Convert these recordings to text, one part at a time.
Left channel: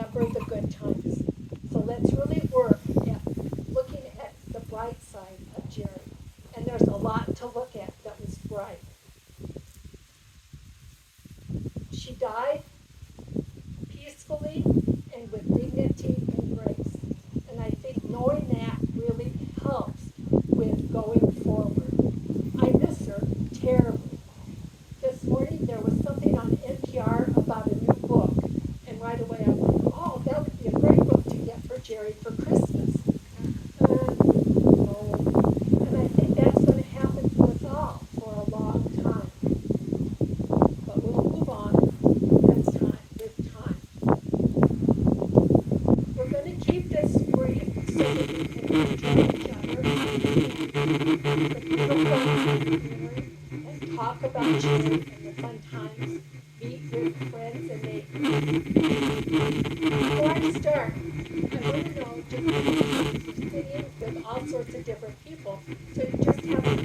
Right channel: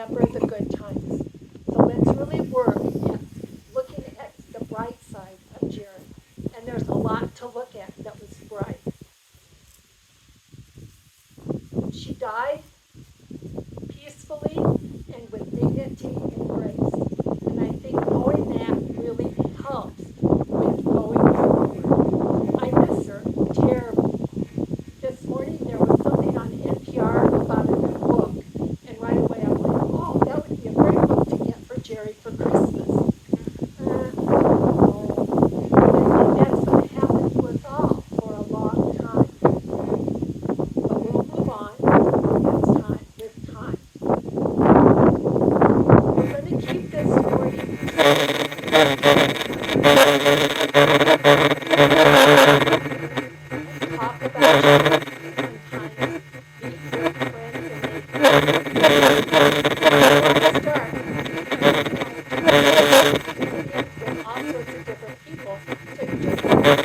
remember the good times. So let's really work at looking at the bright side of Jerry. And there's a lot to look at that was bright. She died peacefully and with dignity and grace. And I think knowing that really helps with going forward. I miss her terribly. This morning there was something on NPR about a new book. And right away I went, oh, that would be a great book to get for Jerry for Christmas. I think that's going to happen to us all for a long time. But we'll move on. It's time. It's time. We're going to keep this story. Talk about Jerry sometimes. Meet with friends and make start with all sorts of different people. So you just have that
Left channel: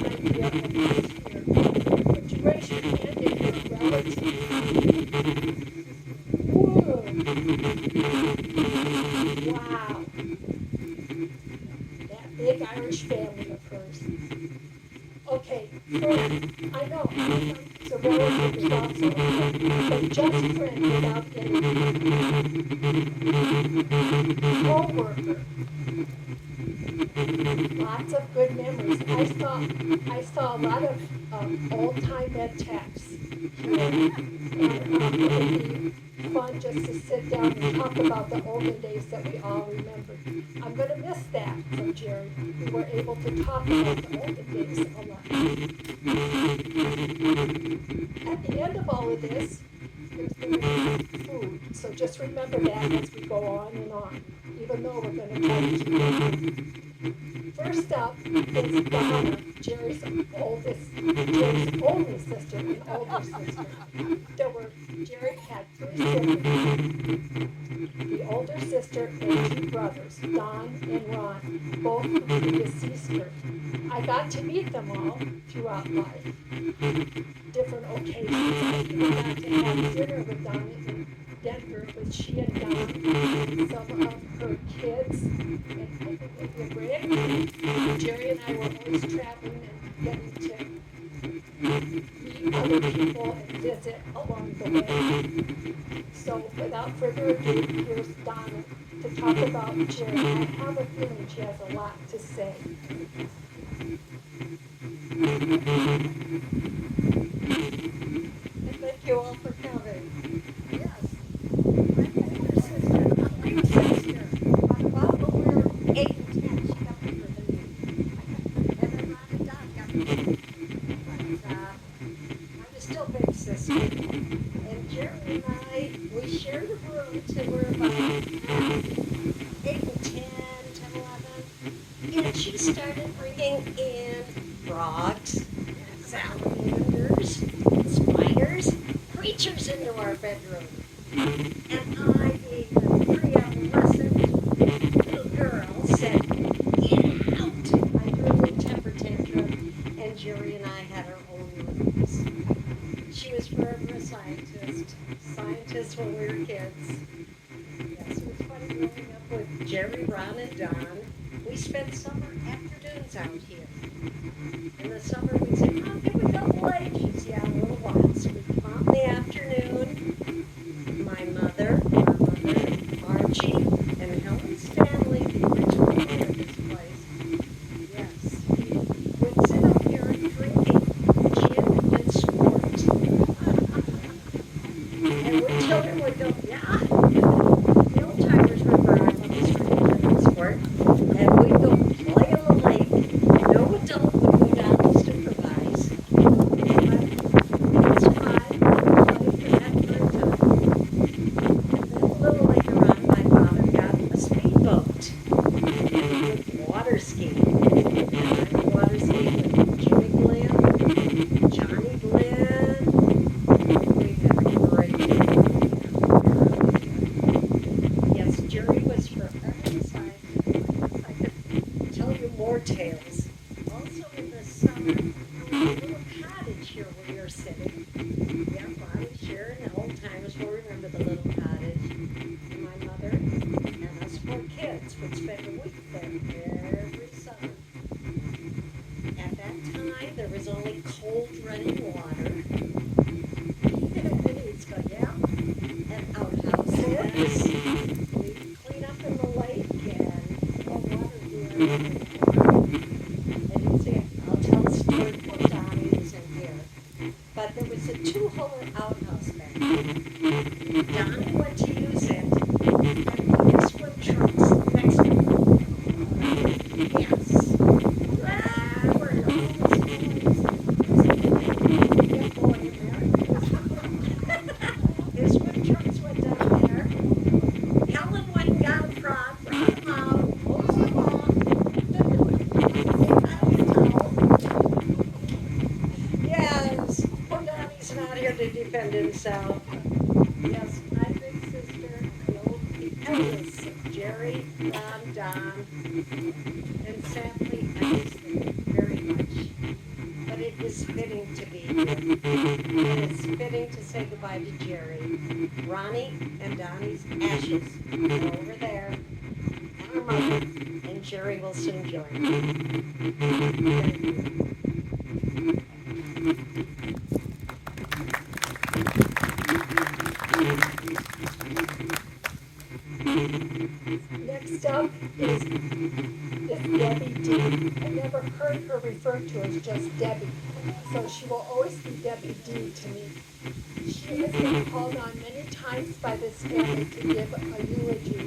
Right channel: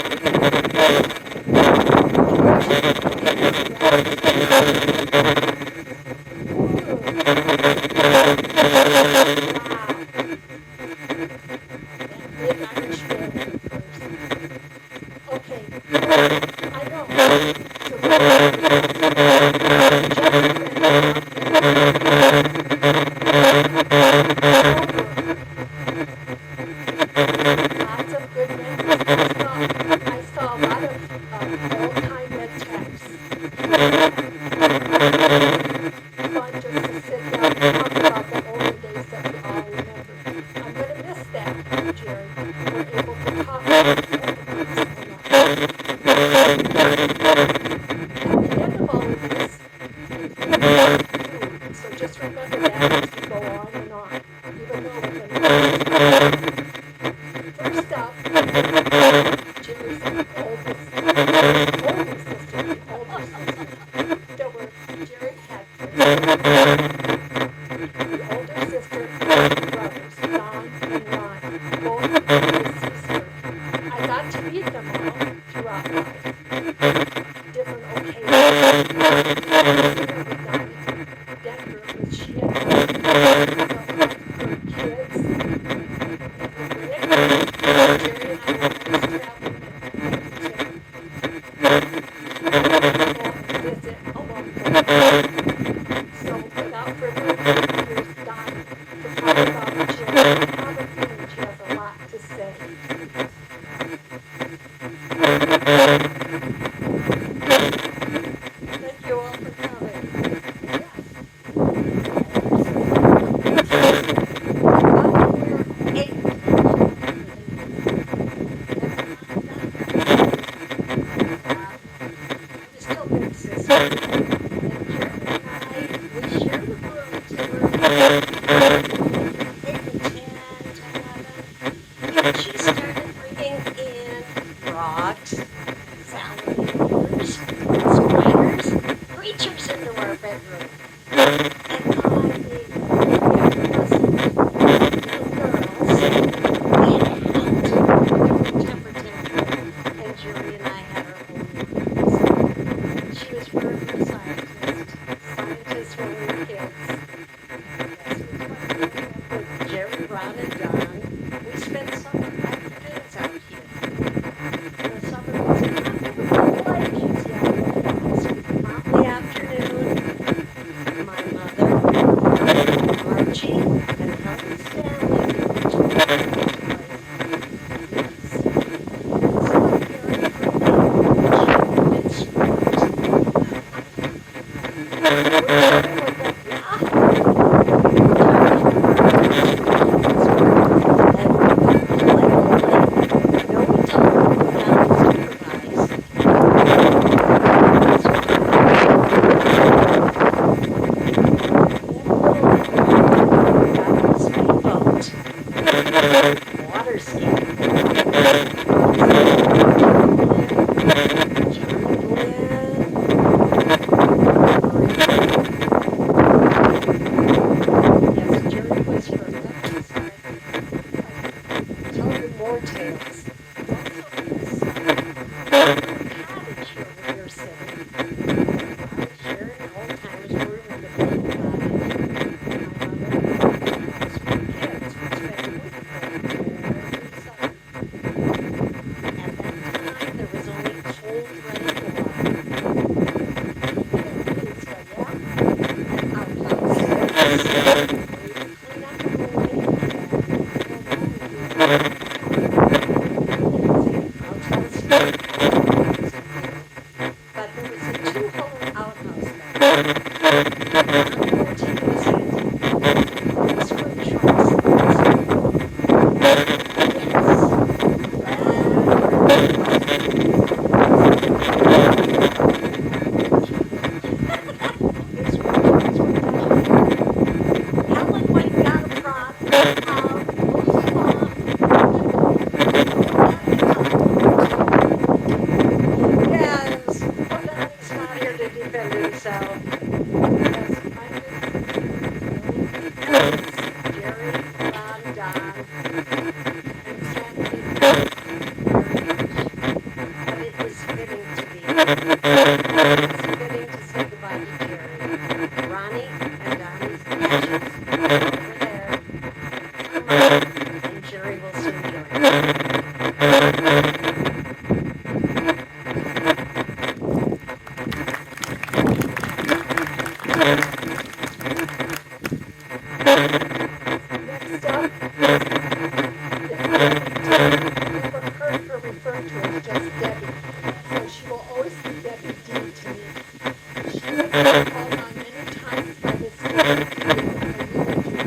big Irish family at first. Okay, I know. So lots of good memories. I saw a lot of old-time red texts. Fun just to sit down and talk about the olden days that we all remember. I'm going to miss that, Jerry. We were able to talk about the olden days a lot. At the end of all of this, food. So just remember that as we go on and on, even though we're going to first up, Jerry's older sister, the older sister. Jerry had the older sister and two brothers, Don and Ron, both deceased her. I got to meet them all throughout life. Different occasions. Dinner with Don in Denver, which she had some of her kids. Jerry and I were always traveling and getting to go and visit along the way. So without further ado, here's Donna to talk about Jerry. I have a feeling she has a lot to say. Thank you all for coming. She started bringing in frogs, salamanders, spiders, creatures into our bedroom. And I, the girls, we had a temper tantrum, and Jerry and I had our own rooms. She was forever a scientist. Scientists when we were kids. Yes, it was fun growing up with Jerry, Ron, and Don. We spent summer afternoons out here. In the summer, we said, "I'm going to go out." She's yelling at the dogs. We'd come out in the afternoon. My mother, Archie, and Helen Stanley would each go to this place. Yes. It's like very pretty. It's sweet. Jerry would go, water skiing. Yes, Jerry was from that side. I tell you more tales. Also in this cottage here where you're sitting. Sharing old times where we went to the cottage. My mother But there was a two-hole outhouse back Yes, poor Donnie's not here to defend himself. Yes, I'm big sister Jerry, Ron, Don, and sadly, but it was fitting to be. It's fitting to say goodbye to Jerry. Ronnie and Donnie's ashes are over there. Come on, and Jerry will soon join us. Next up is Debbie D. I never heard her referred to as just Debbie, so she will always be Debbie D to me. She has been called on many times by this family to give a eulogy,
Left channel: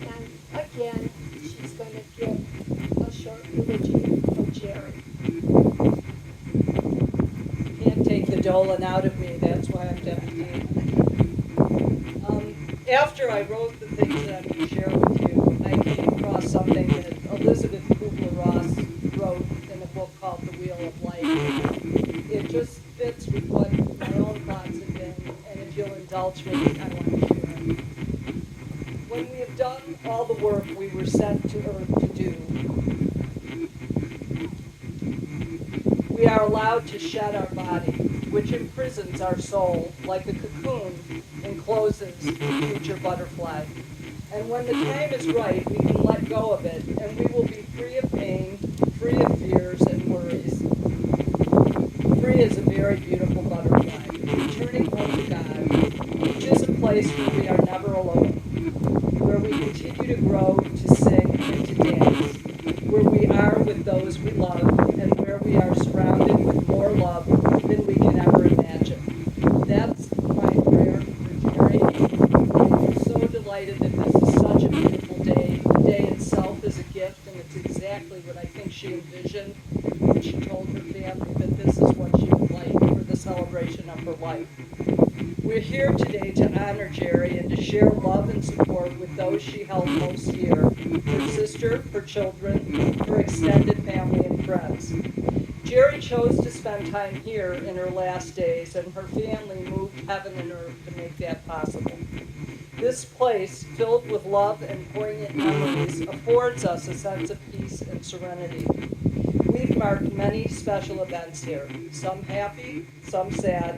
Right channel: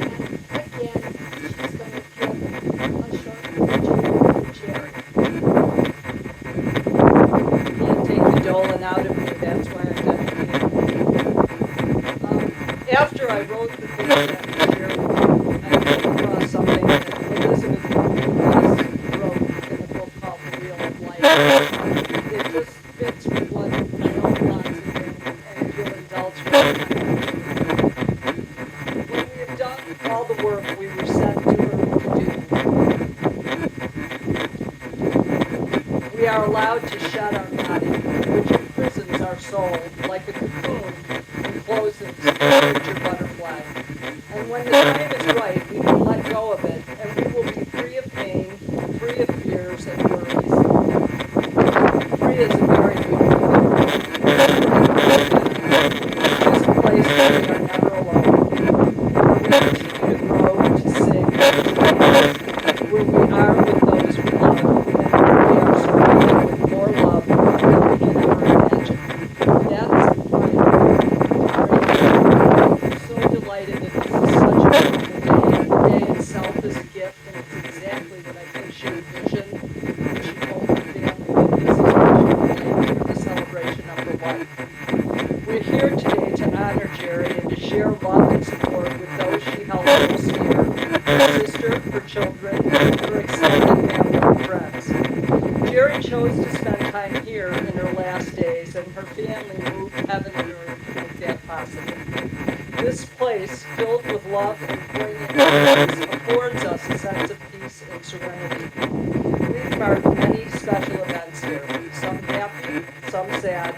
and again, she's going to give a short eulogy to Jerry. Can't take the Dolan out of me, that's why I'm deputy. After I wrote the thing that Jerelyn, I came across something that Elizabeth Kubler-Ross wrote in a book called The Wheel of Life. It just fits with what my own thoughts have been, and if you'll indulge me. When we have done all the work we were sent to earth to do, we are allowed to shed our body, which imprisons our soul like a cocoon encloses a future butterfly. And when the time is right, we can let go of it, and we will be free of pain, free of fears and worries. Free is a very beautiful thing. It is a place where we are never alone, where we continue to grow, to sing, to dance, where we are with those we love, and where we are surrounded with more love than we can ever imagine. That's I'm so delighted that this is such a beautiful day. The day itself is a gift, and it's exactly what I think she envisioned when she told her family that this is what she would like for the celebration of her life. We're here today to honor Jerry and to share love and support with those she held most dear, her sister, her children, her extended family and friends. Jerry chose to spend time here in her last days, and her family moved heaven and earth to make that possible. This place, filled with love and poignant memories, affords us a sense of peace and serenity. We've marked many special events here, some happy, some sad.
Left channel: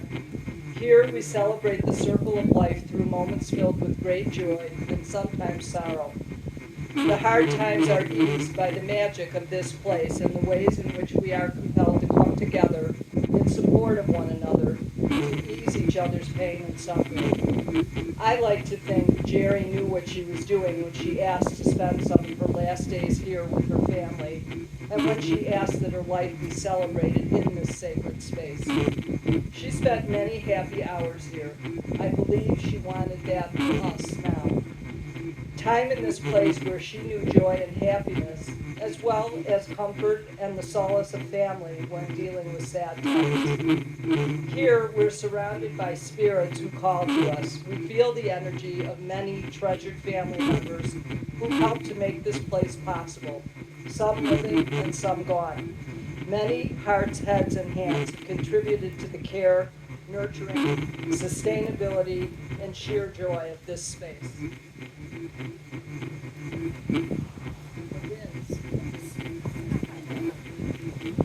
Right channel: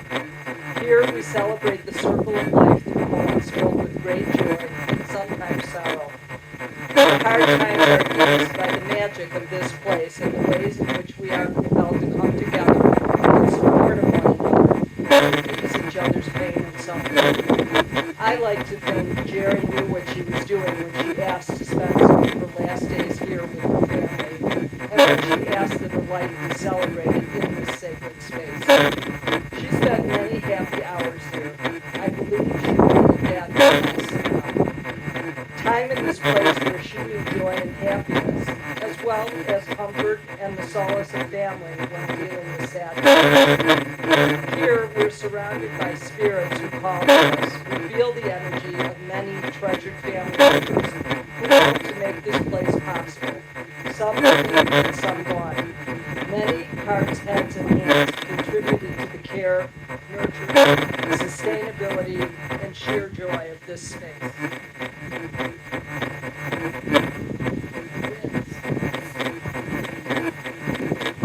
Here we celebrate the circle of life through moments filled with great joy and sometimes sorrow. The hard times are eased by the magic of this place and the ways in which we are compelled to come together in support of one another and ease each other's pain and suffering. I like to think Jerry knew what she was doing when she asked to spend some of her last days here with her family, and when she asked that her life be celebrated in this sacred space. She spent many happy hours here. I believe she wanted that for us now. Time in this place where she knew joy and happiness, as well as comfort and the solace of family when dealing with sadness. Here, we're surrounded by spirits who call to us. We feel the energy of many treasured family members who helped to make this place possible. Some living and some gone. Many hearts, heads, and hands contributed to the care, nurturing, sustainability, and sheer joy of this space.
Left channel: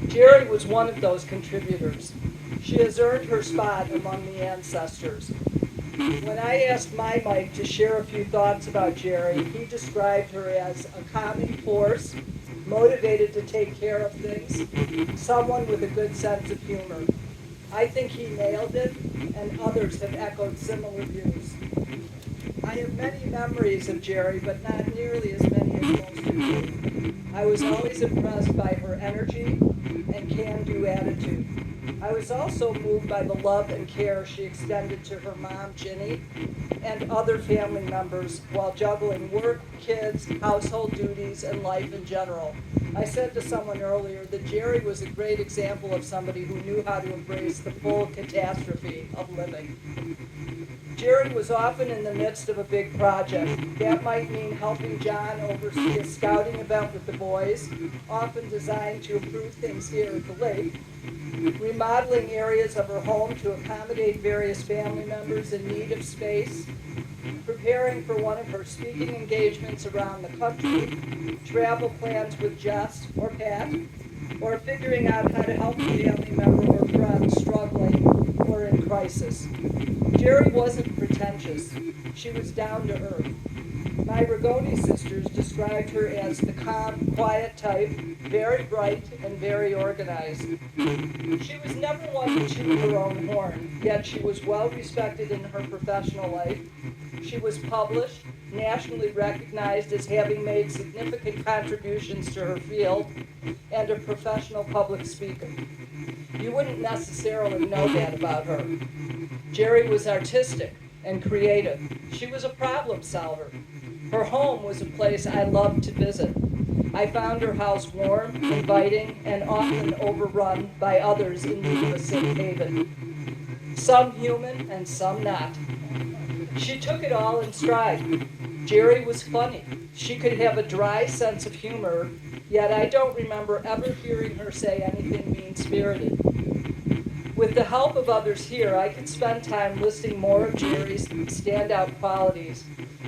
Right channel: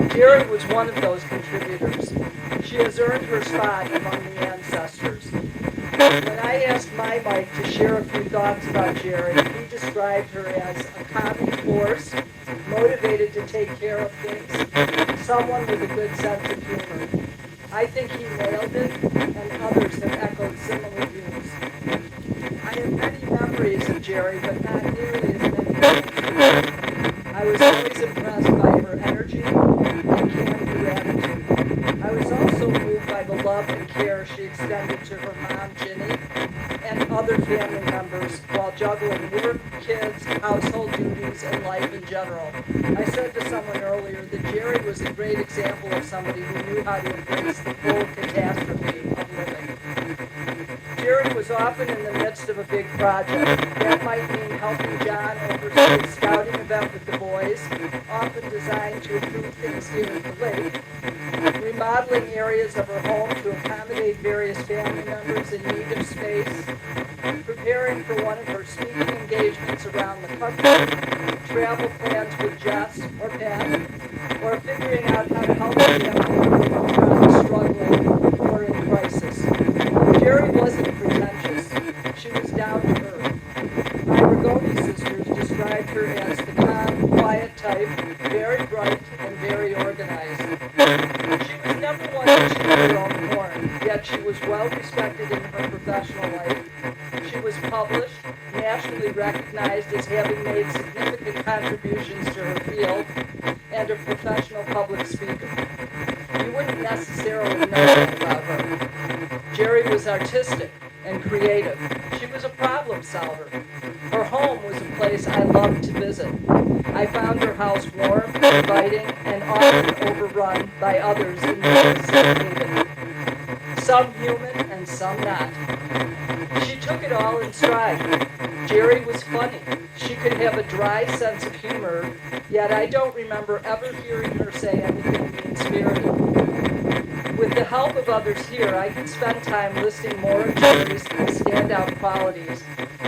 Jerry was one of those contributors. She has earned her spot among the ancestors. When I asked my Mike to share a few thoughts about Jerry, he described her as a calming force, motivated to take care of things, someone with a good sense of humor. I think he nailed it, and others have echoed similar views. I have many memories of Jerry, but not nearly as many as most. I was always impressed by her energy and can-do attitude. I was also moved by the love and care she extended to her mom, Ginny, and other family members while juggling work, kids, household duties, and life in general. I said to someone earlier that Jerry was a great example of somebody who knew how to embrace the full catastrophe of living. Jerry was often in the midst of a big project. That might mean helping John oversee a scouting event with the boys, often designed to improve things here at the lake, remodeling areas of her home to accommodate various family members in need of space, preparing for one of her speaking engagements around the country, travel plans with Jess or Pat, or figuring out how to help a young woman or friend struggling or in crisis. Jerry wasn't pretentious. She was down to earth. My Rigoni sisters described her as the calm, quiet type, very bright and very organized. She was never one to toot her own horn, yet she was well respected in her professional life. She was published, nationally recognized as having made significant contributions to her field, and a professional public speaker. You wouldn't necessarily know that about her. Jerry was artistic and creative. She was a problem solver. Her home was a place I loved to visit. I found her house warm, inviting, and often overrun by others in need of a safe haven. Some human and some not. She took it all in stride. Jerry was funny. She could have a dry sense of humor, yet I don't remember ever hearing her say anything mean-spirited. With the help of others here, I could spend time listing more of Jerry's standout qualities,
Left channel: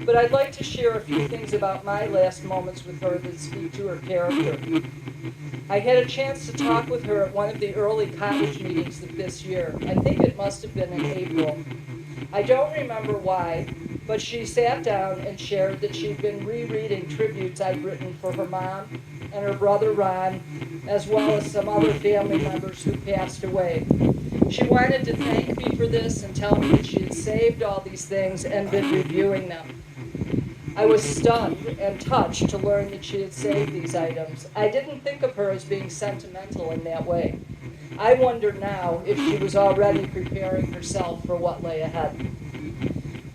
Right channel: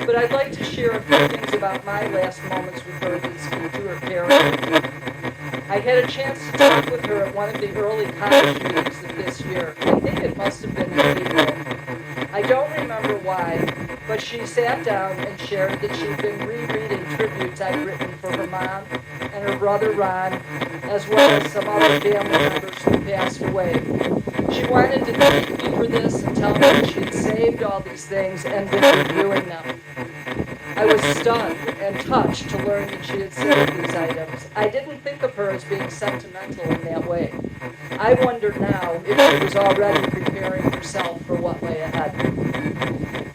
but I'd like to share a few things about my last moments with her that speak to her character. I had a chance to talk with her at one of the early college meetings of this year. I think it must have been in April. I don't remember why, but she sat down and shared that she'd been rereading tributes I'd written for her mom and her brother Ron, as well as some other family members who passed away. She wanted to thank me for this and tell me that she'd saved all these things and been reviewing them. I was stunned and touched to learn that she had saved these items. I didn't think of her as being sentimental in that way. I wondered now if she was already preparing herself for what lay ahead.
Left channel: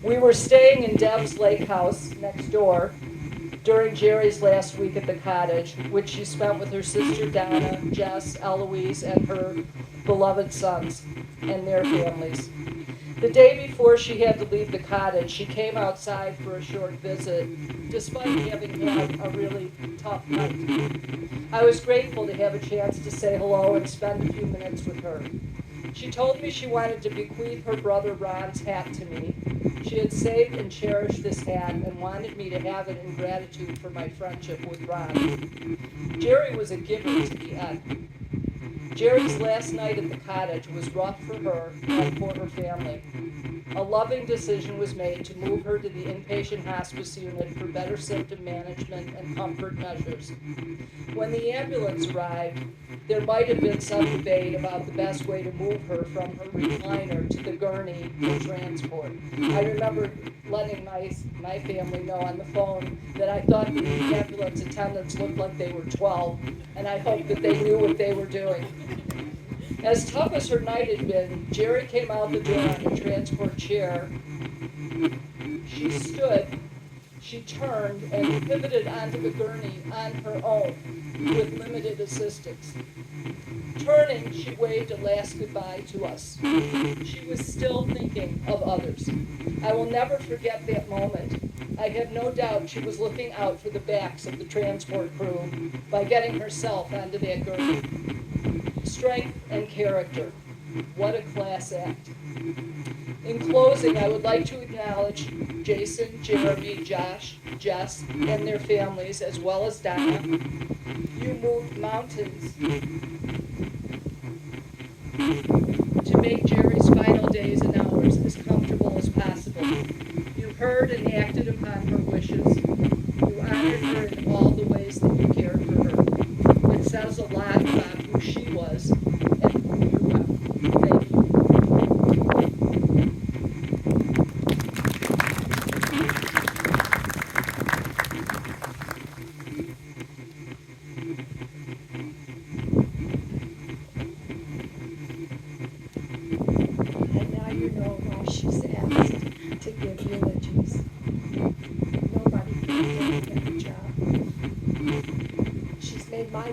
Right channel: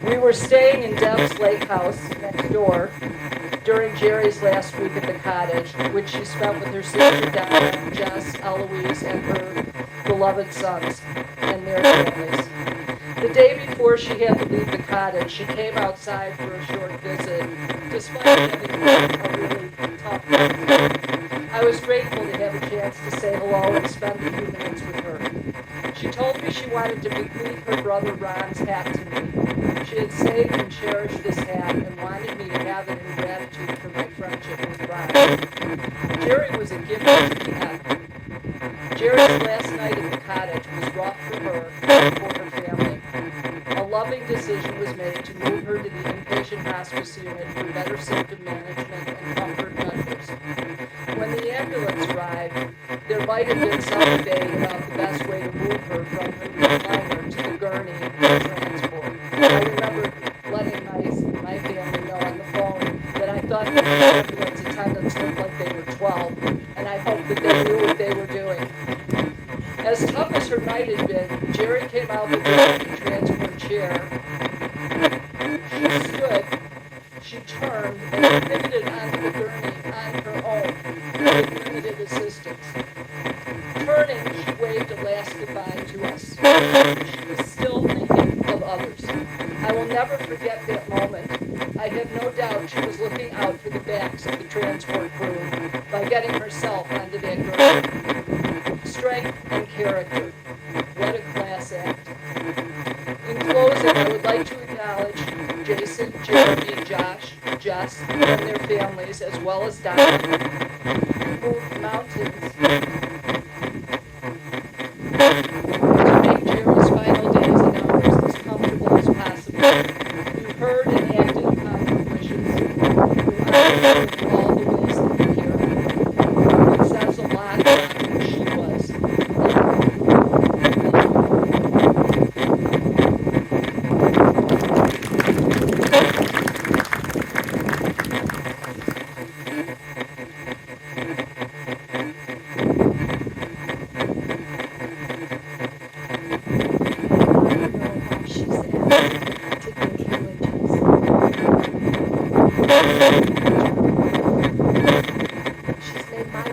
We were staying in Deb's lake house next door during Jerry's last week at the cottage, which she spent with her sister Donna, Jess, Eloise, and her beloved sons and their families. The day before she had to leave the cottage, she came outside for a short visit, despite having had a really tough night. I was grateful to have a chance to say hello and spend a few minutes with her. She told me she wanted to bequeath her brother Ron's hat to me. She had saved and cherished this hat and wanted me to have it in gratitude for my friendship with Ron. Jerry was a giver to the end. Jerry's last night at the cottage was rough for her and for her family. A loving decision was made to move her to the inpatient hospice unit for better symptom management and comfort measures. When the ambulance arrived, there might have been some debate about the best way to move her from her recliner to the gurney for transport. I remember letting my family know on the phone that I thought that the ambulance attendants looked like they were 12, and I hoped that they knew what they were doing. As tough as her night had been, Jerry came out the door in the transport chair. She stood, she turned, and pivoted onto the gurney on her own with limited assistance. Turning, she waved a last goodbye to us. She was still thinking of others. I will never forget that moment. I have no doubt she was looking out for the backs of the transport crew by getting herself onto that gurney. Strength and character. What a class act. In closing, I would like to acknowledge Jason, Jeremy, Josh, Jess, and their families, as well as Donna, who moved mountains to make Jerry's final days and hours as comfortable as possible. You heard and acted upon her wishes. You honored her in all the ways that you cared for her. It says a lot about who she was. Thank you.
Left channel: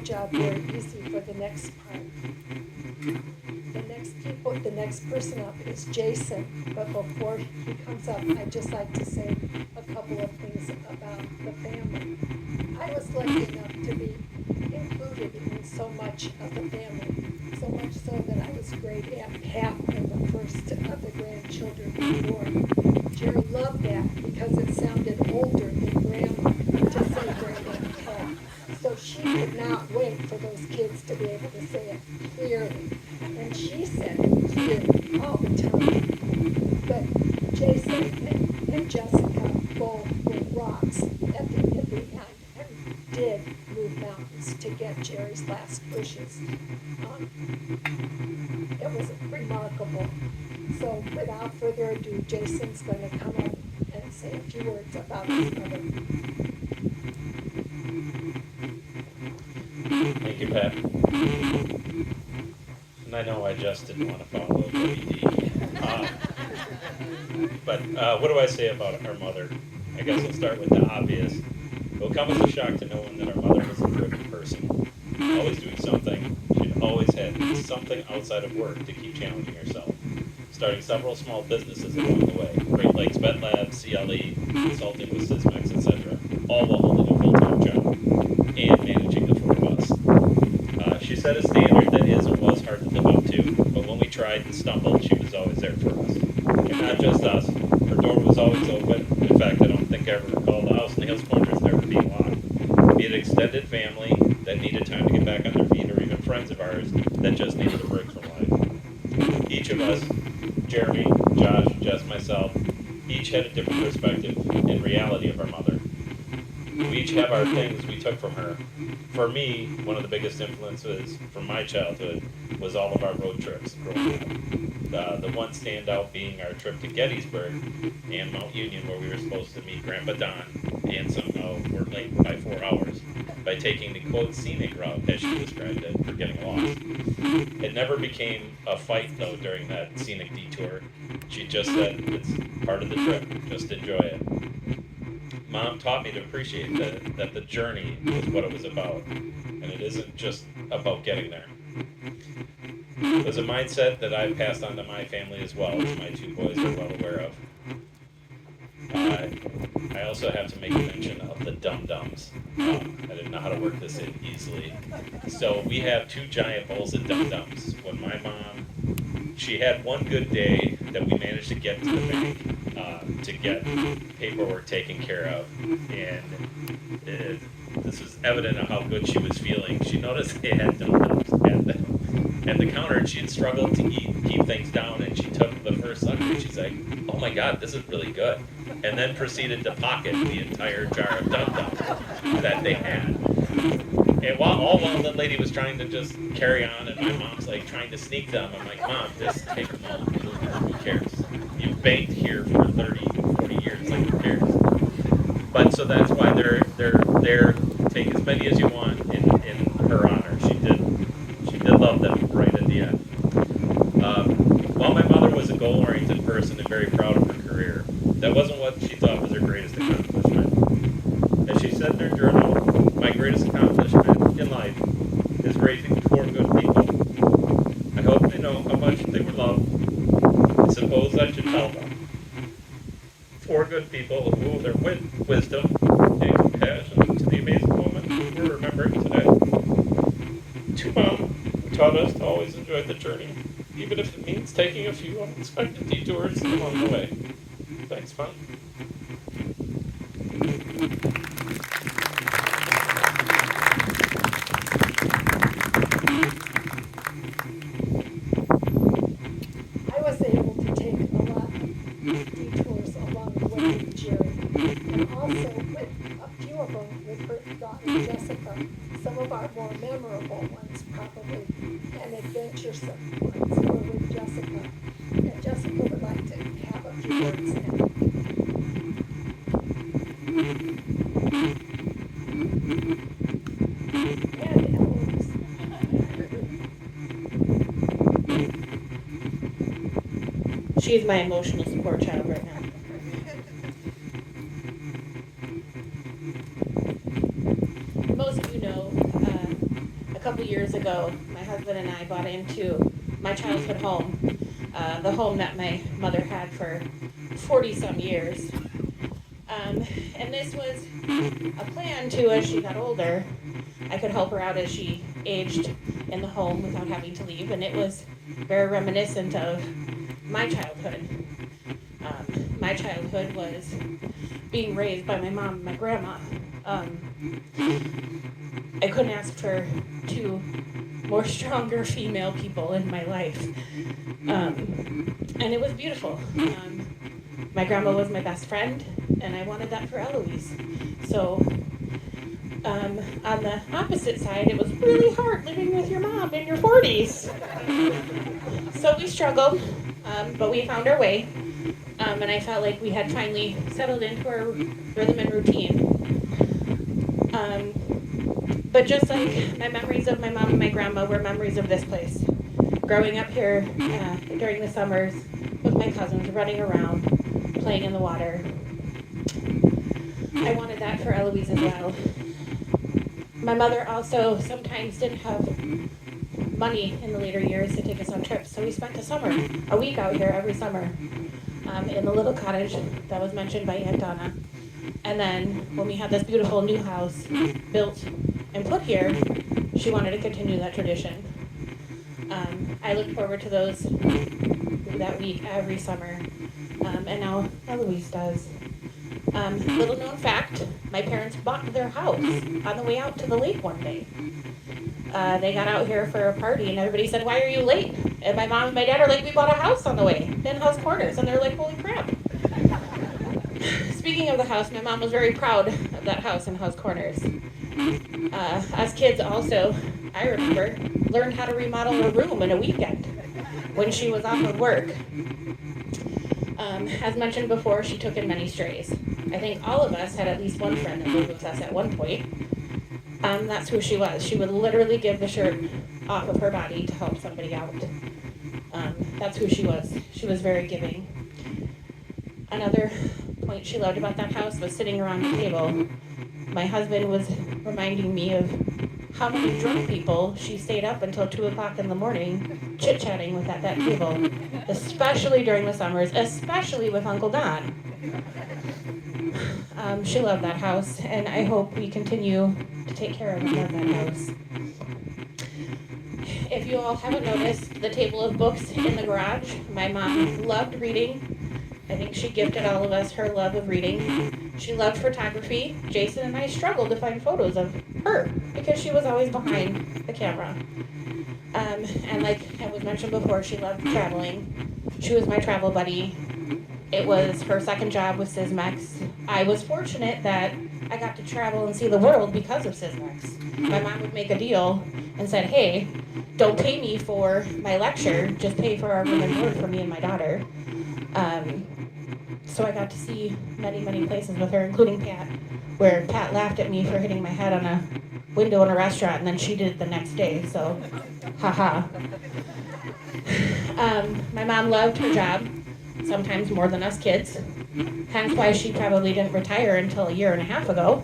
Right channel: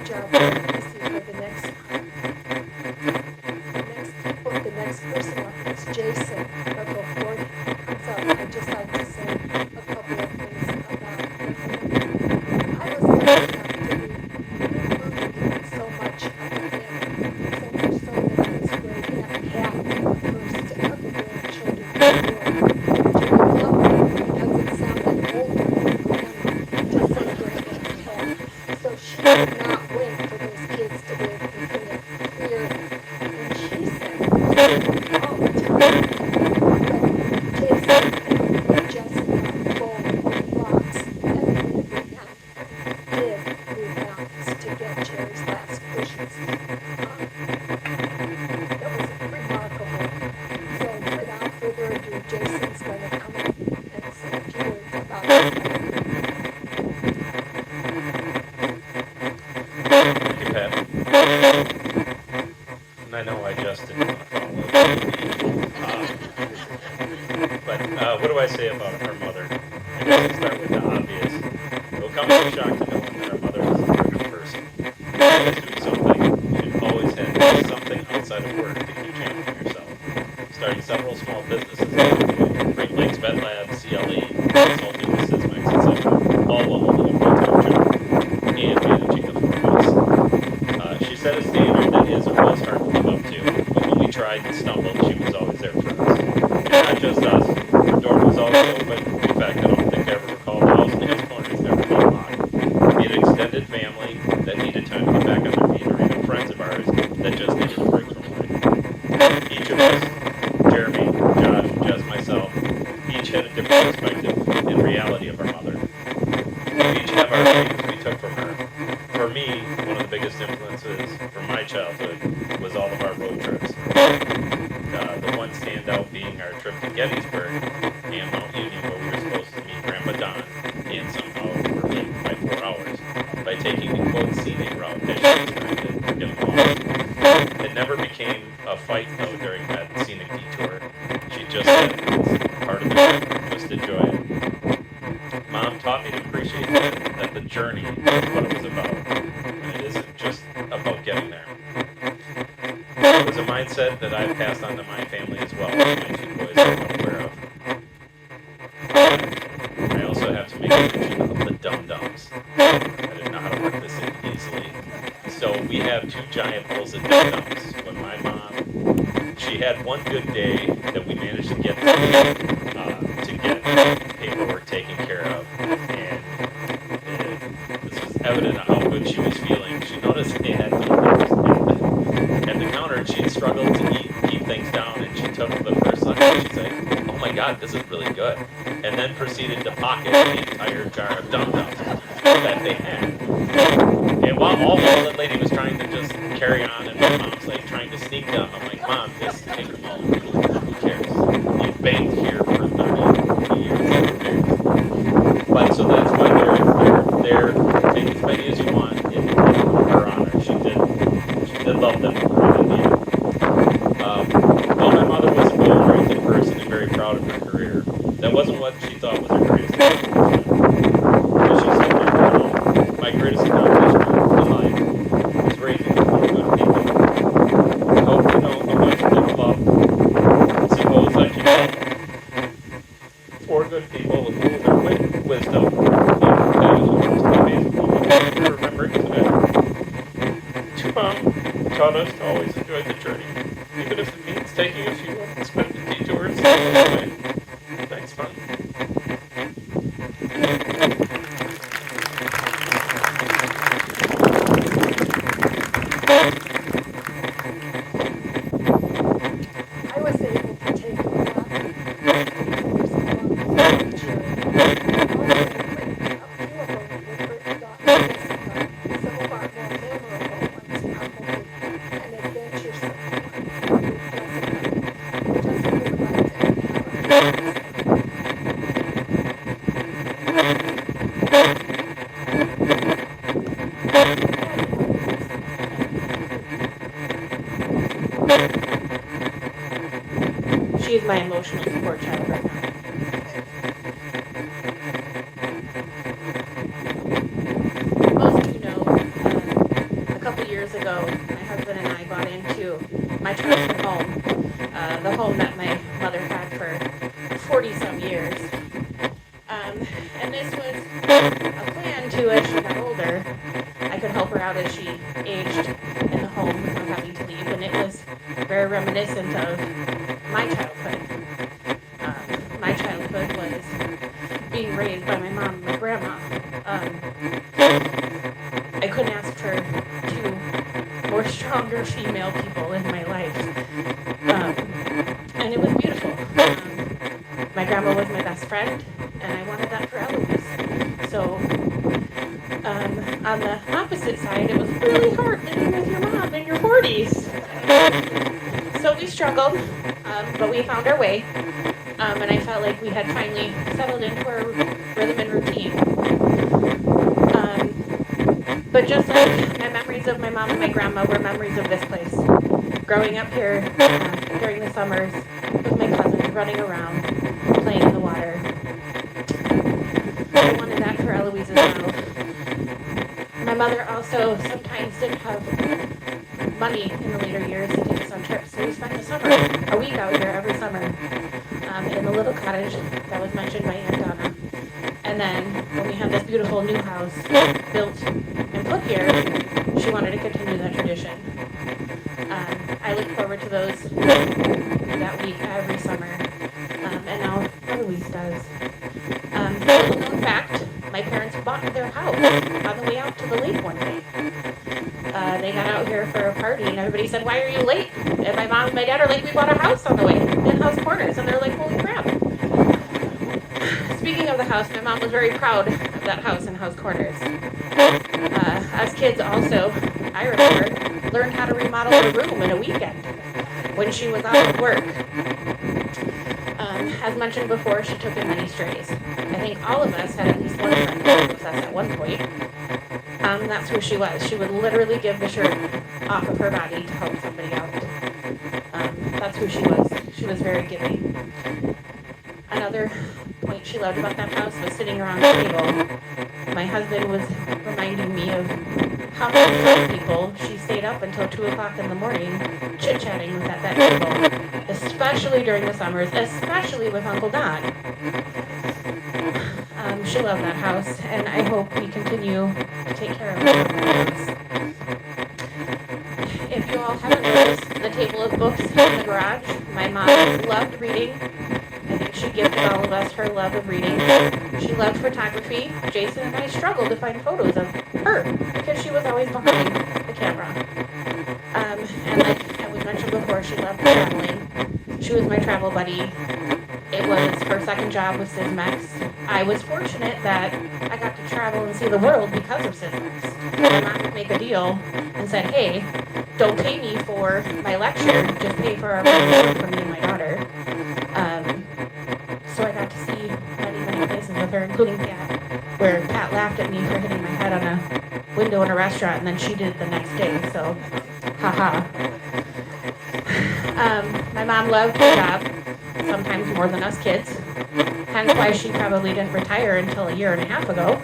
job very easy for the next part. The next person up is Jason, but before he comes up, I'd just like to say a couple of things about the family. I was lucky enough to be included in so much of the family, so much so that I was great at half the first of the grandchildren in the world. Jerry loved me because it sounded older than grandma to say granddad half. So she could not wait for those kids to be able to say it clearly. And she said all the time that Jason and Jessica both were rocks at the end and did move mountains to get Jerry's last wishes. That was remarkable. So without further ado, Jason's going to come up and say a few words about his mother. Thank you, Pat. And I know I just didn't want to follow the but what do I say about our mother? I guess I'll start with the obvious. It will come as a shock to no one that our mother is a privileged person. Always doing something. She always had something outside of work to keep challenging herself. Starting several small businesses along the way. Great Lakes Vet Lab, CLE, consulting with Sysmex, etc. All while holding a full-time job and managing the four bus. She set a standard that is or was hard to live up to, but when we tried and stumbled, she was always there for us. Not just us. Her door was always open. In fact, I don't think I ever recall the house dance corners never being locked. We had an extended family that needed time to get back on their feet, or even friends of ours that just needed a break from life. Each of us, Jeremy, Josh, Jess, myself, each had a different perspective and reality of our mother. We each have our things we took from her. For me, one of the biggest influences from my childhood was all of our road trips. The one standout being our trip to Gettysburg and Mount Union, where we were supposed to meet Grandpa Don, and somehow were late by 4 hours by taking the quote scenic route, as she described it, for getting lost. It never became a fight though during that scenic detour. She just said it's part of the trip, just enjoy it. Mom taught me to appreciate that the journey is what it was about, and it isn't just about getting there. It was a mindset that I've passed on to my family as well, as my two boys are well aware of. I also have to make mention of the dum-dums. I didn't know how to work this in easily. So we have two giant bowls of dum-dums. When my mom, she had one good day that we managed to get paperwork taken care of, and this was evident of how good she was feeling. She noticed they had dum-dums at the counter, and she had struggled to keep things down, and she took the first lunch, and she's like, oh my god, this is really good, and then proceeded to pocket the entire jar of dum-dums that they had. And while the lady was trying to just carry on, and my mom's like trying to sneak them, I'm like, Mom, just take them all. Who cares? You banked here for 30 years. Who cares? But so that's why they're take as many as you want in her honor. She did love them right at the end. While my mother was a goal-oriented person and very proud of her career, that wasn't what she thought was her greatest accomplishment. But she said to her, my greatest accomplishment in life is raising four good people. I hope you know how much you love. Suppose I should tell them. Four good people who their wisdom and compassion to the amazing woman to remember today. Two Mom taught us to always enjoy the journey, even if it means taking a few unexpected detours along the way. Thanks, Mom. I was able to take a lot of detours along the way with Jerry. Also, with a few of them with her daughter Jessica, some of our more memorable ones probably, and adventuresome ones were with Jessica. Jessica would like to have a She's my emotional support child right now. Most of you know, years ago, my husband and I bought into my childhood home, the home that my mother had for 40-some years. And this was a plan to, as she got older, I could help her out as she aged in the home without having to leave. And it was very reminiscent of my childhood. My childhood was being raised by my mom and my grandma. I couldn't ask for two more stronger female people in my life. And it was beautiful. My grandma was my best friend, and I wanted that for Eloise. So, on the opposite side, it was really hard living with your mom in your 40s. So we struggled, but we found our way. And I felt like we had finally settled into our rhythm and routine. But just like my memories of my mom and my grandma were memories of this place. Growing up here during the summers with my cousins, running around, playing in the water. I wanted that for Eloise as well. My mother also sometimes didn't have money in the later years to take us on trips, so we spent the summer, a week out here every summer, in the little cottage that was mentioned by Aunt Donna. And then when we had this beautiful new house built and put here, she wanted to continue that tradition. I look forward to those that week every summer, and now Eloise does. Little known fact, my parents bought their house on the way out to the lake one day. They got out here for a party and everybody said, "Why are you late?" And my mom and my dad are like, "We bought a house on the way, in House Corners." And they're like, "Holy crap." Speaking of the house, my mom was very proud of that house in House Corners. As kids also, I remember, learned how to remodel a room in a weekend when she was off of work. As mentioned before, she took in many strays. I think all of us had at least one friend who lived with us at one point. That's who she was. She would literally give the shirt off of her body to help somebody out. That's who she was. She was very giving. Another point she loved about that house was sitting around the table. My husband was reminding me of how many drunk people she stayed up until 2 o'clock in the morning chit-chatting with at that table, especially during the summers, especially with Uncle Don. She loved that house, and I hope we continue to take care of her in that house. If you all haven't noticed the table of books in the garage, my mom loved reading. I think she gifted all of us her love of reading. She loved photography. Jason and I struggled to find photos of her because she was always behind the camera. And like I was mentioned before, she loved traveling. She was my travel buddy. It was her second job with Sysmex. I was fortunate that I got to travel and see the world because of Sysmex. My mom would make a deal and said, "Hey, don't pay me for my lecture, just pay for our reward for me and my daughter." So I got to see many, many places with her, including Pat, where Pat laughed at me for hitting my head on a window in a restaurant, and then she did it the next day, so haha. My mom loved her job, sometimes more than us kids, hence why she probably didn't retire until a year and a half ago.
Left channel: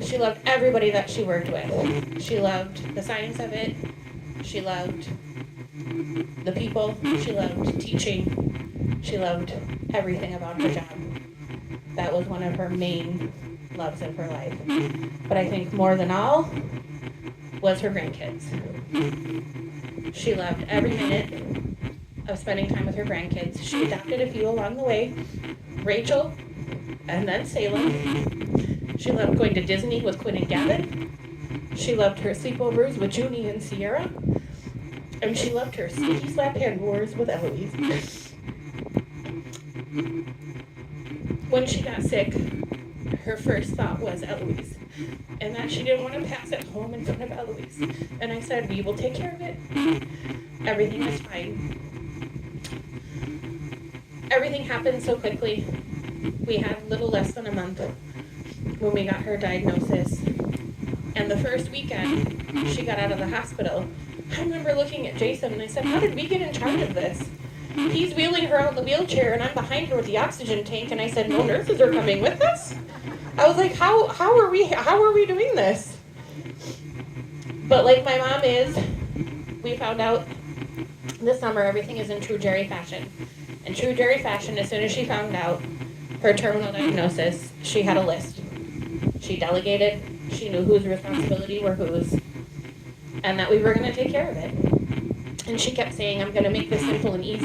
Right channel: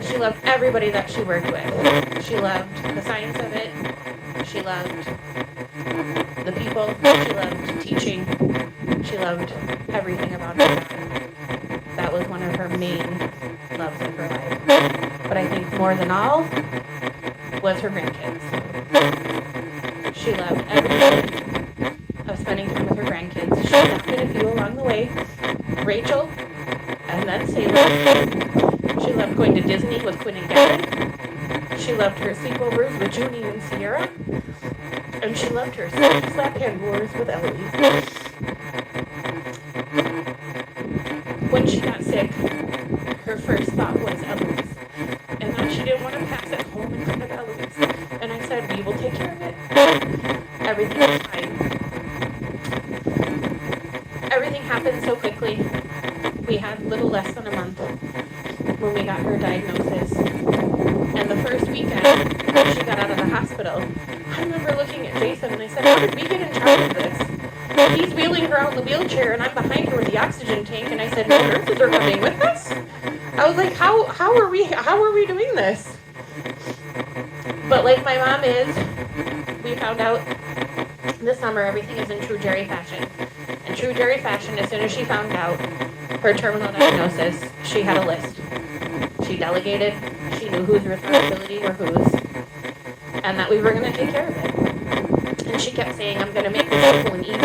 She loved everybody that she worked with. She loved the science of it. She loved the people. She loved teaching. She loved everything about her job. That was one of her main loves in her life. But I think more than all was her grandkids. She loved every minute of spending time with her grandkids. She adopted a few along the way. Rachel, and then Sarah. She loved going to Disney with Quinn and Gavin. She loved her sleepovers with Junie and Sierra. And she loved her slap hand wars with Eloise. When she got sick, her first thought was Eloise. And that she didn't want to pass it home in front of Eloise. And I said, "We will take care of it. Everything is fine." Everything happened so quickly. We had little less than a month when we got her diagnosis. And the first weekend she got out of the hospital, I remember looking at Jason and I said, "How did we get in charge of this?" He's wheeling her out in the wheelchair and I'm behind her with the oxygen tank, and I said, "No nurses are coming with us?" I was like, how are we doing this? But like my mom is, we found out this summer everything is in true Jerry fashion. In true Jerry fashion, as soon as she found out her terminal diagnosis, she had a list. She delegated, she knew whose responsibility were whose, and that we were going to take care of it. And she kept saying, I'm going to make this simple and easy.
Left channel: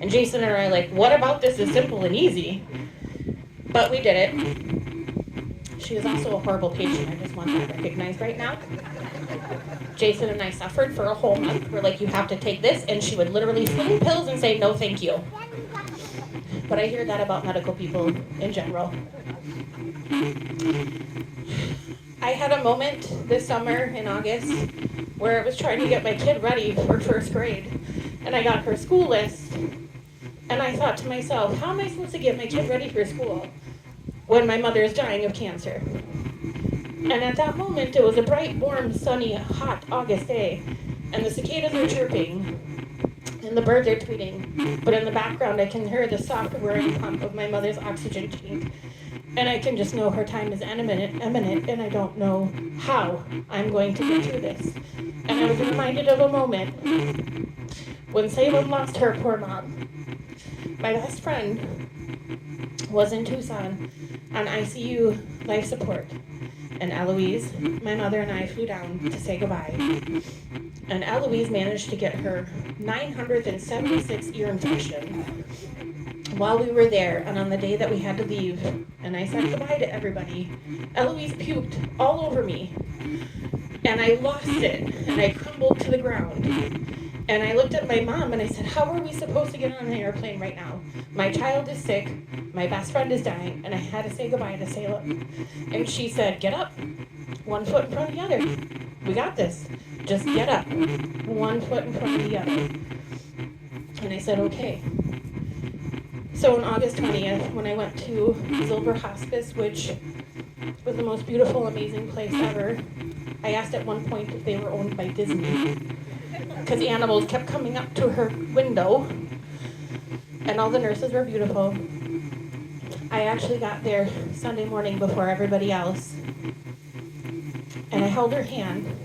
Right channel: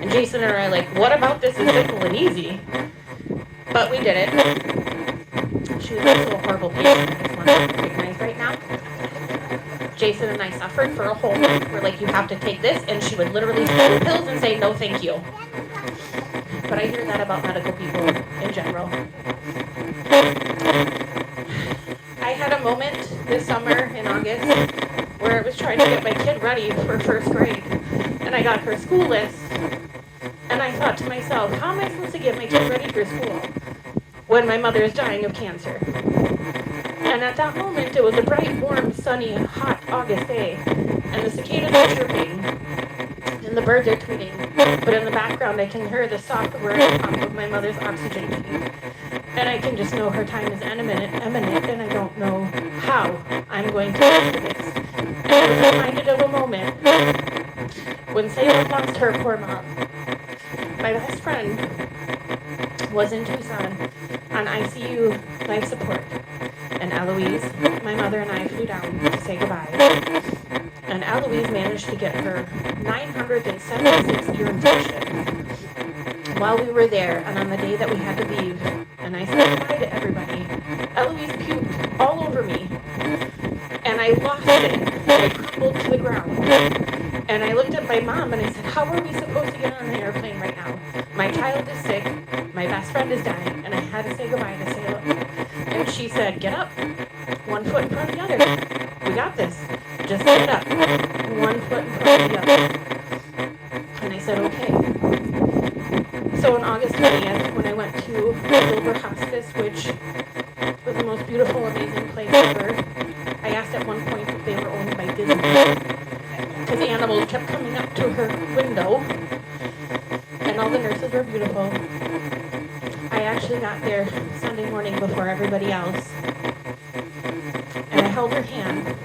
And Jason and I are like, what about this is simple and easy? But we did it. She was also a horrible patient, I just want to recognize right now. Jason and I suffered for a whole month. We're like, you have to take this, and she would literally send pills and say, no, thank you. But I hear that about medical people in general. I had a moment this summer in August where I was trying to get my kid ready for first grade, and I got her school list, and I thought to myself, how am I supposed to get my kid ready for school when my mother is dying of cancer? And at that moment, it was a bright, warm, sunny, hot August day, and the cicadas are chirping, and the birds are tweeting, but in the background I can hear the soft whir pump of my mother's oxygen tank, and I can just know her time is imminent, and I don't know how I'm going to get through this. And I was reminded of a moment when Salem lost her poor mom. My best friend was in Tucson on ICU life support. And Eloise, my mother and I flew down to say goodbye. And Eloise managed to get her 976 ear infection while we were there, and on the day that we had to leave. And I said goodbye to everybody. Eloise puked all over me. And I lost it. And I crumbled to the ground. And I looked at my mom and I said, how are we supposed to get on the airplane right now? My child is sick, my best friend is dying, and I had to say goodbye to Salem. And she said, get up, one foot in front of the other. We got this. Just get up, one foot in front of the other. And I said, okay. So on August 20th, when I went to Silver Hospice, which was the most beautiful, amazing place ever, I asked at one point if they were owned by Disney, because the animals kept coming up to her window, and all the nurses were beautiful. I actually got there Sunday morning before everybody else, and I held her hand,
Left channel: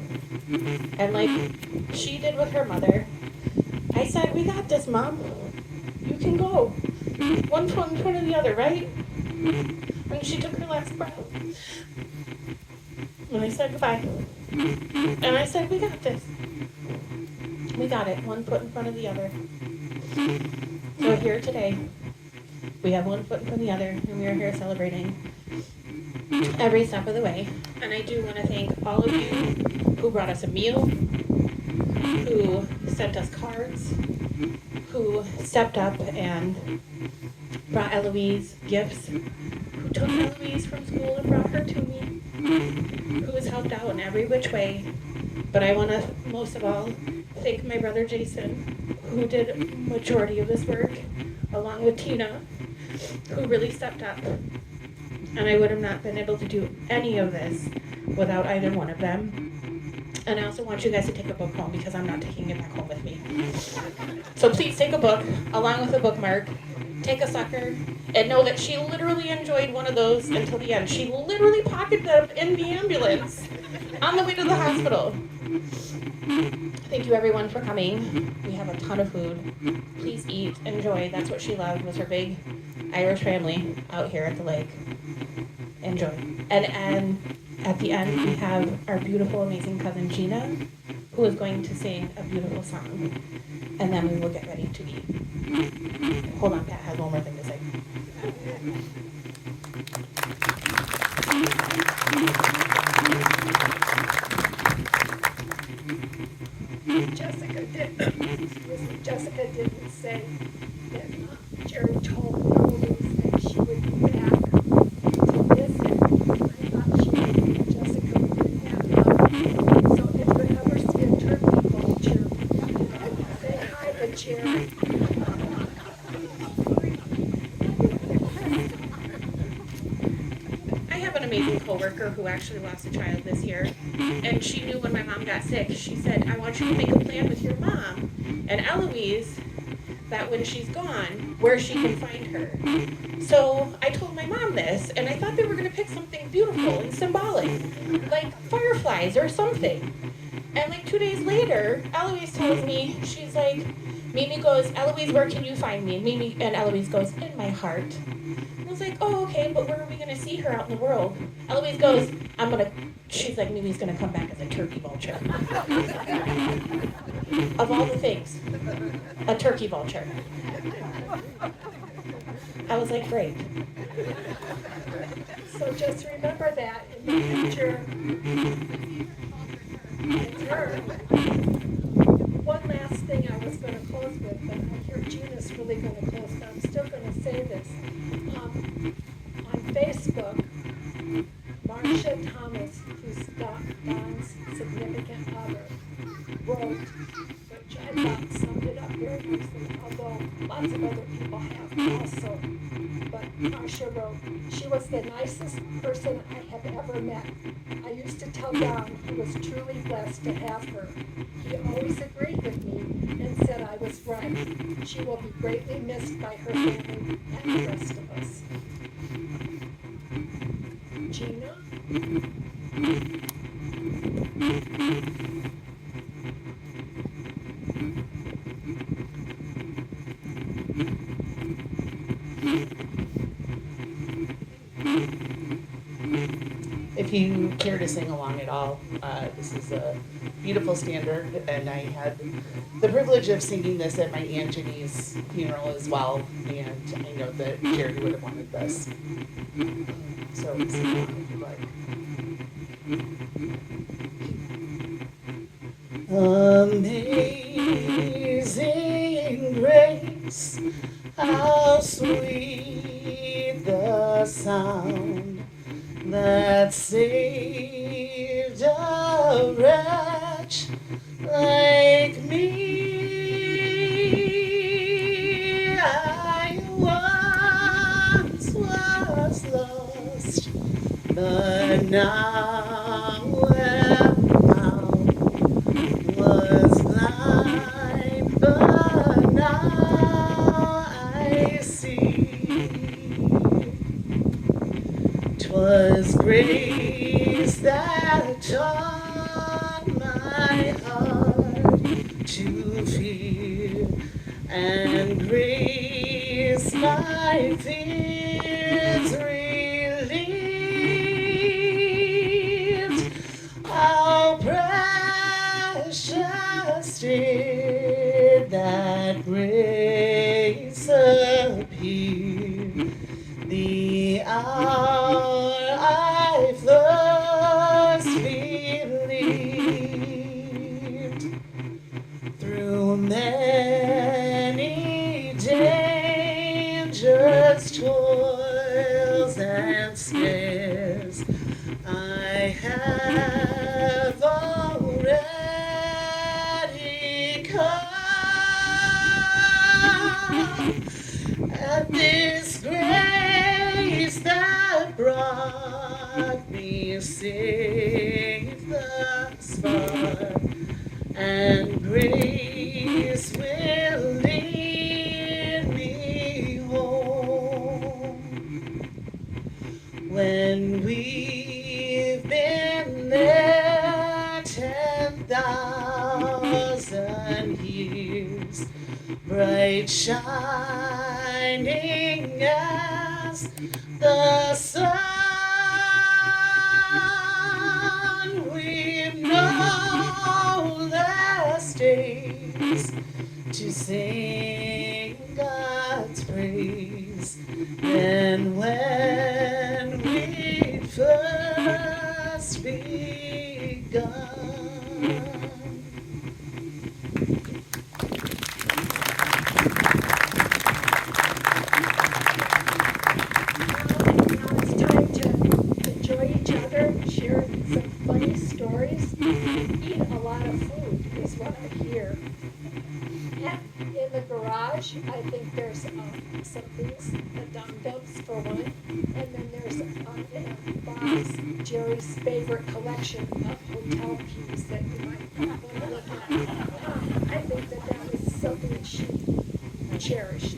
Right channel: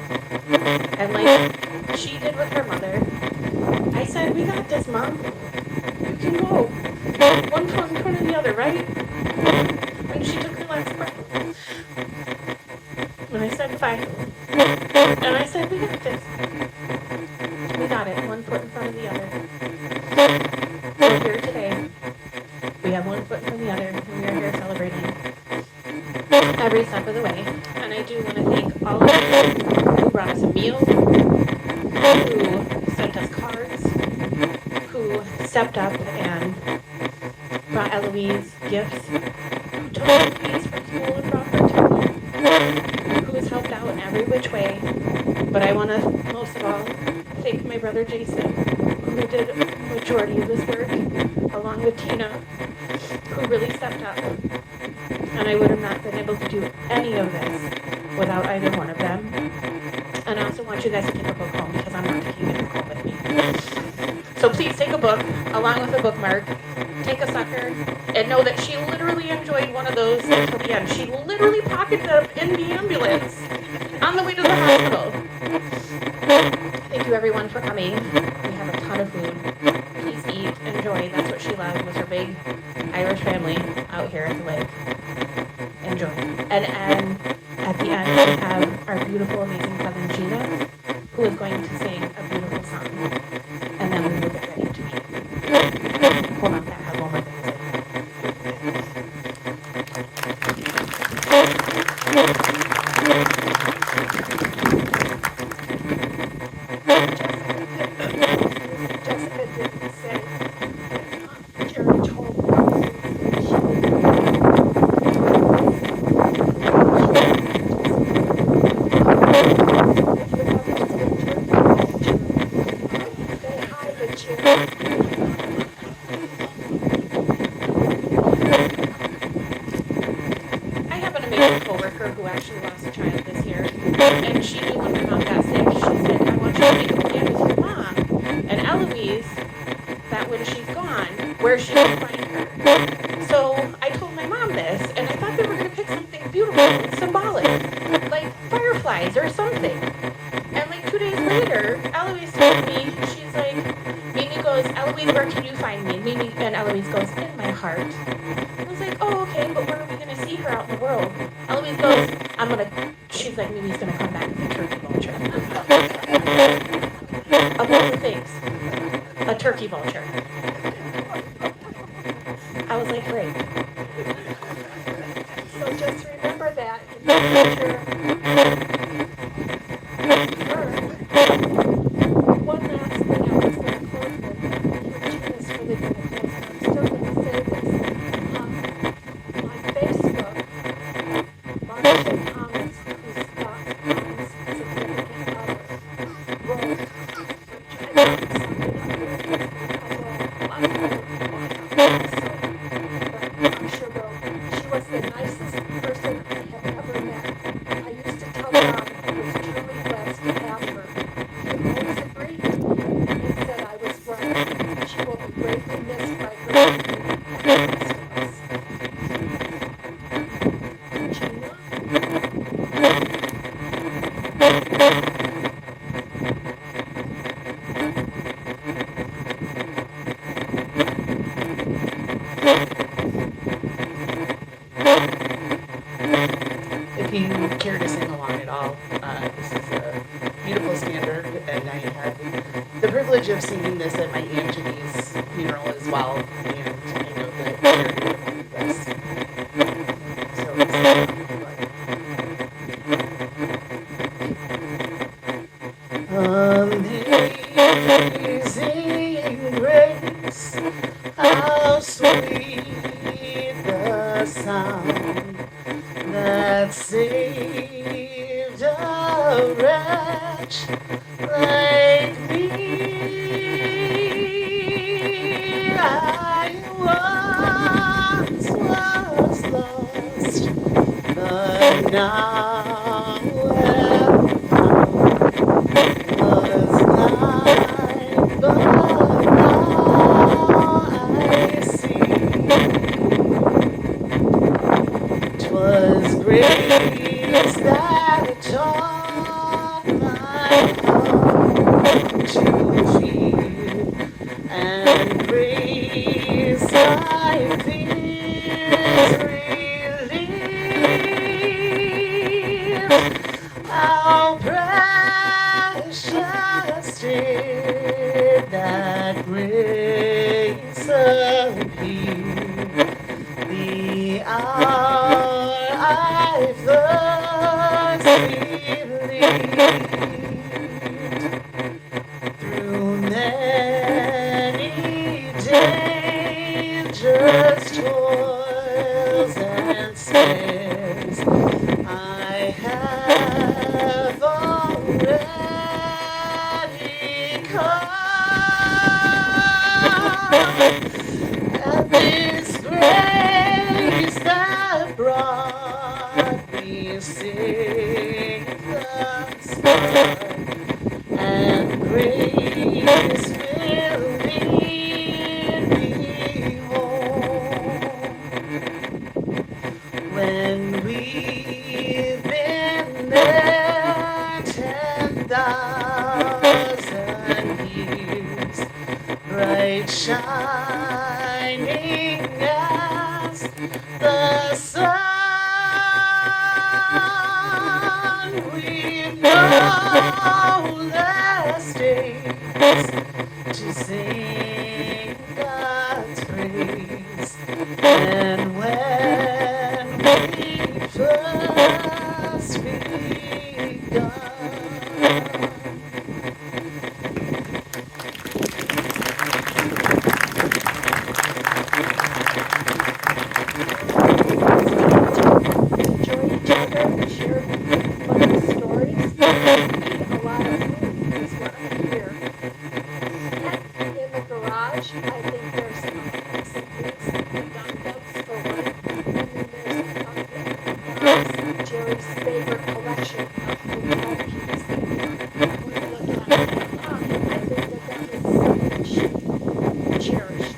and like she did with her mother, I said, we got this, Mom. You can go. One foot in front of the other, right? And she took her last breath. And I said goodbye. And I said, we got this. We got it, one foot in front of the other. We're here today. We have one foot in front of the other, and we are here celebrating every step of the way. And I do want to thank all of you who brought us a meal, who sent us cards, who stepped up and brought Eloise gifts, who took Eloise from school and brought her to me, who has helped out in every which way. But I want to, most of all, thank my brother Jason, who did a majority of this work, along with Tina, who really stepped up. And I would have not been able to do any of this without either one of them. And I also want you guys to take a book home, because I'm not taking a book home with me. So please take a book, along with a bookmark, take a sucker, and know that she literally enjoyed one of those until the end. She literally pocketed them in the ambulance on the way to the hospital. Thank you everyone for coming. We have a ton of food. Please eat, enjoy. That's what she loved, was her big Irish family out here at the lake. Enjoy. And at the end we have our beautiful, amazing cousin Gina, who is going to sing a beautiful song. And then we will get ready to eat. Hold on, that has one more thing to say. Jessica didn't say that Jerry told me she would say hi to Jerry. I have an amazing coworker who actually lost a child this year, and she knew when my mom got sick, she said, I want you to make a plan with your mom and Eloise that when she's gone, where she can find her. So I told my mom this, and I thought they were going to pick something beautiful and symbolic, like fireflies. butterflies or something. And like 2 days later, Eloise told me, she's like, Mimi goes, Eloise, where can you find me? Mimi and Eloise goes, in my heart. I was like, oh, okay, but where are we gonna see her out in the world? Eloise goes, she's like, Mimi's gonna come back as a turkey vulture. Of all the things, a turkey vulture. I was like, great. So just remember that in the future. One last thing I was going to close with, and Gina's really going to close, but I'm still going to say this. On Facebook, Marcia Thomas, who's Don's significant other, wrote, which I thought summed it up very nicely, although lots of other people have also, but Marcia wrote, she was the nicest person I have ever met. I used to tell Don he was truly blessed to have her. He always agreed with me and said I was right. She will be greatly missed by her baby and the rest of us. Gina? If you care to sing along at all, this is a beautiful standard, and I had the privilege of singing this at my Aunt Jenny's funeral as well, and I know that Jerry would have wanted this. So it's Amazing grace, how sweet the sound that saved a wretch like me. I once was lost, but now am found. Was blind, but now I see. 'Twas grace that taught my heart to fear, and grace my fears relieved. How precious did that grace appear, the hour I first believed. Through many dangerous toils and snares, I have already come. And this grace that brought me safe thus far, and grace will lead me home. When we've been there 10,000 years, bright shining as the sun, we've no less days to sing God's praise than when we first begun. Enjoy each other, share some funny stories, eat a lot of food is what I hear. And in the garage, I think there's some things, the gun belts for one, and then there's Bob's, Jerry's favorite collection of hotel keys that you want to look at. I think that is something she cherished.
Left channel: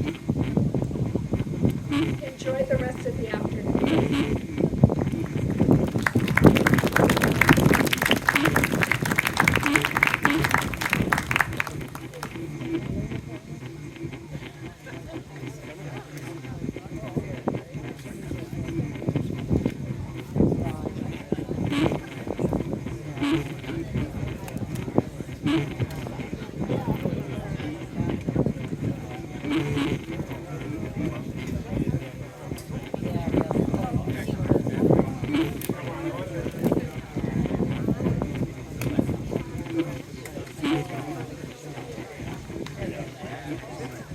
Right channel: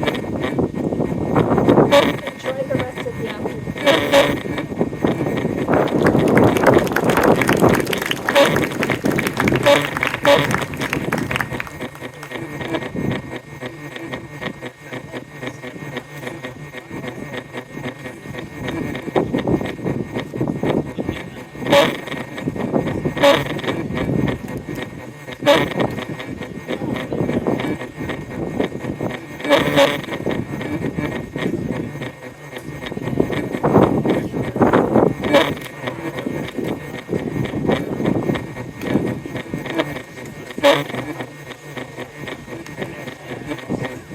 Enjoy the rest of the afternoon. Yes.